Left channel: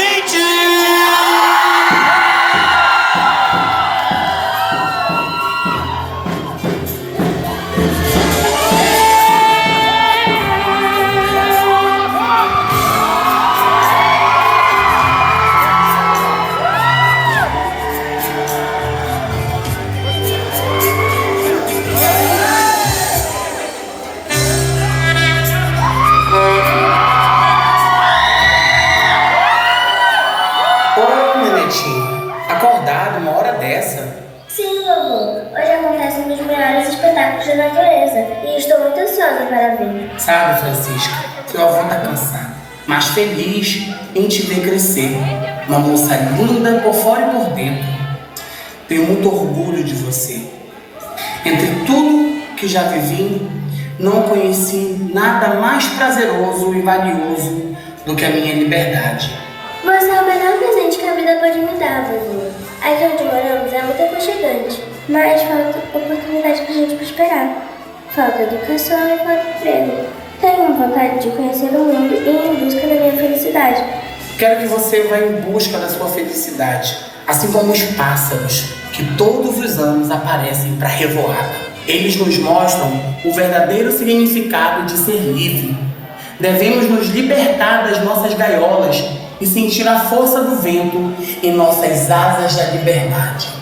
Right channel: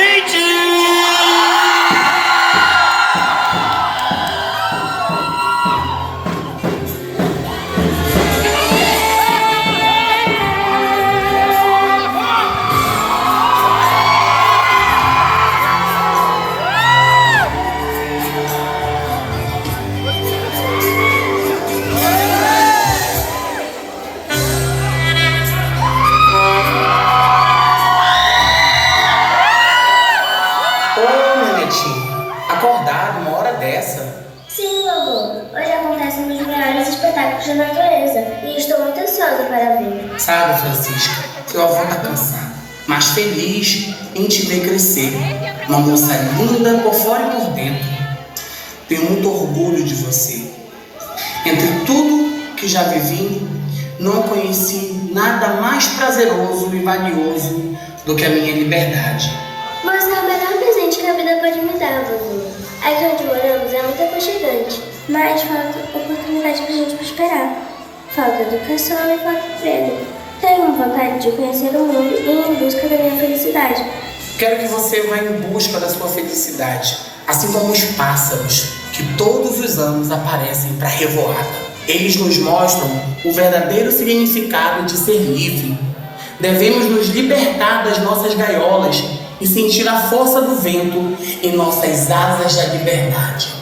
Decadente! Acordado uma hora dessa? Sim, vovô. Hoje acontecem um dos melhores espetáculos da natureza e estou muito ansiosa para ver. Sabe, Francisca, seu avô tá cansado, mas feliz em te ver crescer. Uma moça linda por fora e por dentro. Tenho muito orgulho de você. Entre tudo que já vivi, não conheci nada mais prazeroso e valioso do que a minha liberdade. Você é o melhor presente que a vida pode me dar, vovô. Aqui onde moramos é muito aconchegante, mas falta oportunidade pra gente prosperar. Falta educação e falta emprego. Tenho vontade de conhecer o mundo e ir em busca da minha felicidade. Quero que você vá em busca da sua felicidade, assim como os pássaros, que todos os anos aparecem para revoar. Eles nos mostram o verdadeiro significado de ser livre. Devemos nos libertar das nossas gaiolas e sentir a força do vento em nossas asas da liberdade.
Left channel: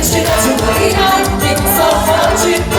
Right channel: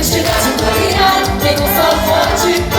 Existe de manhã, tem um sol forte.